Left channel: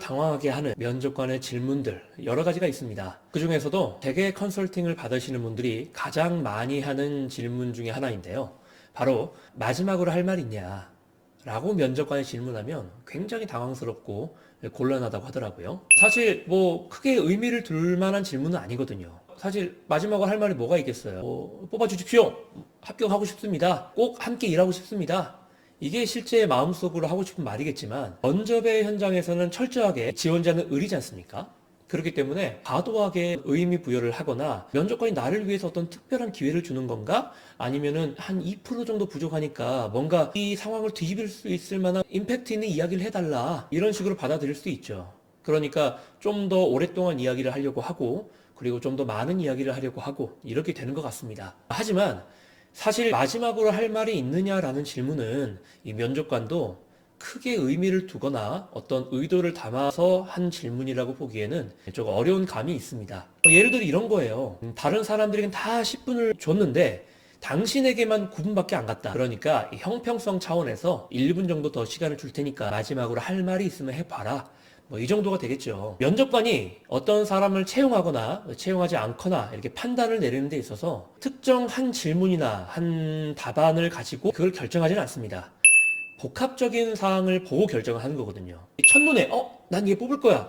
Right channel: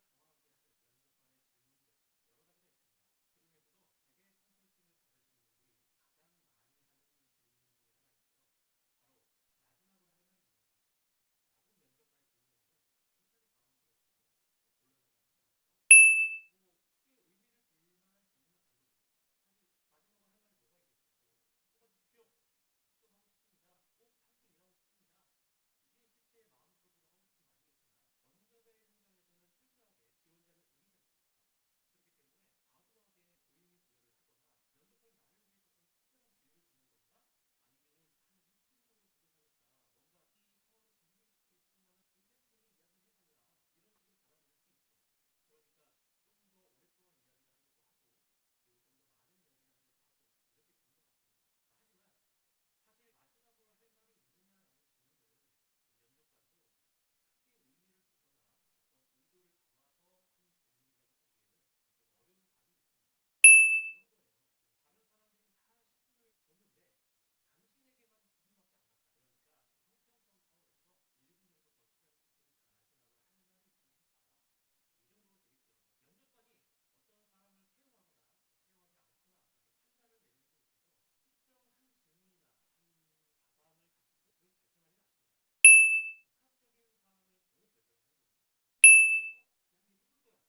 당황하게 하는 면접관의 질문들 여러 가지가 있습니다. 그 중에서도 대개 컨설팅을 받으시는 분들이 가장 많이 하는 질문 중에 하나인데요. 바로 마지막으로 할 말 있냐? 라고 면접관이 질문하면 굉장히 당황스럽고 곤란하다고 하더라고요. 사실 뭐 크게 의미를 둘 만한 질문은 아니거든요. 사실 마지막으로 할 말이 뭐가 있겠어요. 뽑아주십시오. 합격하고 싶습니다. 꼭 함께 일하고 싶습니다. 이게 실제 마음속으로 하고 싶은 말이겠지만 면접의 현장에서는 철저하게 지원자는 을이지 않습니까? 그렇기 때문에 과도하게 의미 부여를 하거나 면접관이 나를 위해서 어떤 특별한 기회를 주는 건가? 아니면은 한 2% 정도 부족하니까 뭔가 이 상황을 뒤집을 수 있을 만한 임팩트 있는 이야기를 해달라. 이런 식으로 받아들일 수 있죠. 그러니까 좀 더 오랫동안 이야기를 하려고 하고 그리고 좀 더 많은 이야기를 하려고 하고 이렇게 되는 것 같습니다. 하지만 사실 마지막으로 할 말이 있느냐라는 질문은 이 면접관도 크게 의미를 두거나 어떤 의도를 담아서 한 질문이라고 보기에는 조금 어려운 감이 있습니다. 예를 들어 이런 거예요. 다른 사람들에겐 다 10분을 줬는데 당신에게만 9분밖에 안 갔다. 그러니까 이 형평성 차원에서 1분 정도 더 시간을 줄 테니까 마지막으로 할 말이 있으면 해봐라. 뭐 이 정도가 되겠죠. 면접관이 어떤 사람을 채용하거나 채용하지 않거나 이렇게 판단을 내리는 데 있어서 특정 한 질문이나 한 답안을 가지고 그걸 결정하지는 않습니다. 복합적인 사항을 보고 결정을 하는 거거든요. 첫눈에 난 얘 뽑을 거야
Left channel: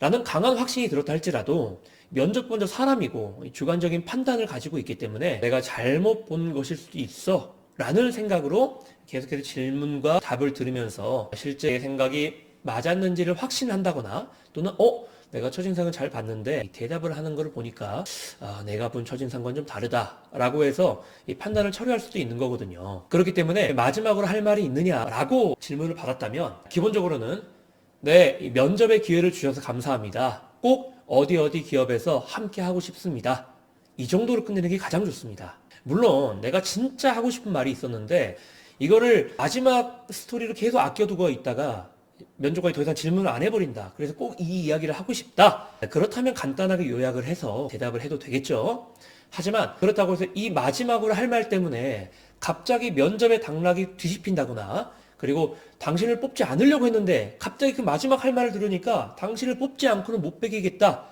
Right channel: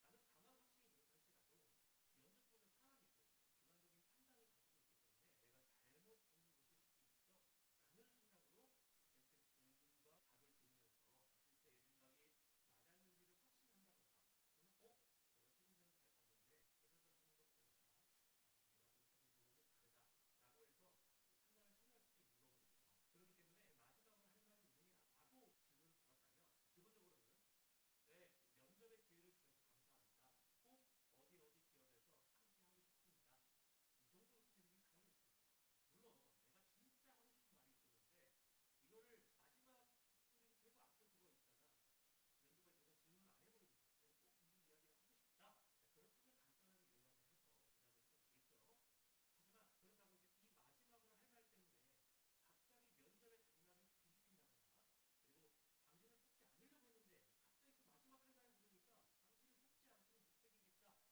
라는 강한 확신이 들었다 할지라도 면접관도 사람이고 주관적인 판단을 가지고 있기 때문에 내가 잘못 본 것일 수도 있어 라는 생각으로 계속해서 질문과 답을 들으면서 실제 생각이 맞았는지를 확신한다거나 또는 내가 첫인상을 잘 봤는데 대답을 하는 걸 보니까 내가 본 첫인상과는 좀 다르다라고 해서 이 판단을 처리할 수도 있는 거거든요. 그렇기 때문에 마지막으로 할 말이 있느냐라고 질문을 받았다면 기본적으로는 네, 이 면접의 기회를 주셔서 감사합니다. 꼭 어디 어디 기업에서 함께 하고 싶습니다. 이 정도로 끝내는 게 가장 좋습니다. 물론 내가 진짜 하고 싶은 말이 있었는데 이거를 마지막 스토리로 계속 아껴두고 있다가 면접관이 더 이상 질문을 안 해버린다. 그래서 꼭 이 이야기를 하고 싶다. 그렇다면 간단하게 요약을 해서 대답을 해도 되겠죠. 하지만 그렇다고 해서 이 마지막으로 할 말 때문에 갑자기 면접의 당락이 뒤집힌다거나 그리고 당신을 뽑지 않으려고 했는데 갑자기 그 마지막 할 말을 들으니까 당신을 뽑지 않고는 못 빼기겠다.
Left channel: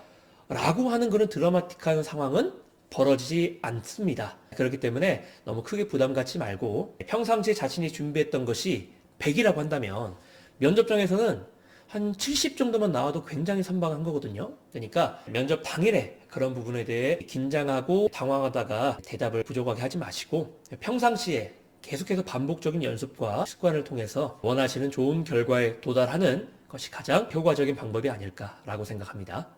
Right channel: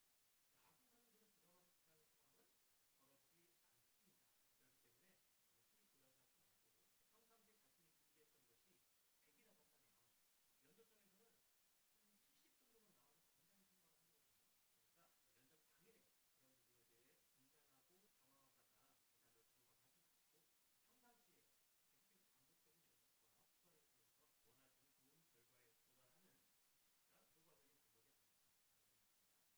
라고 하는 그런 드라마틱한 상황은 벌어지지 않습니다. 그렇기 때문에 너무 크게 부담 갖지 말고 평상시에 자신이 준비했던 것이 100이라고 한다면 면접장에서는 한 70 정도만 나와도 굉장히 선방한 거거든요. 그러니까 면접 당일에 그런 부분에 대해 긴장하고 당황하다가 대답을 부족하게 하지 마시고 평상시에 계속해서 반복적인 연습과 습관을 통해서 원하시는 좋은 결과에 도달하는 것이 가장 효과적인 방법이 아닐까라고 생각합니다.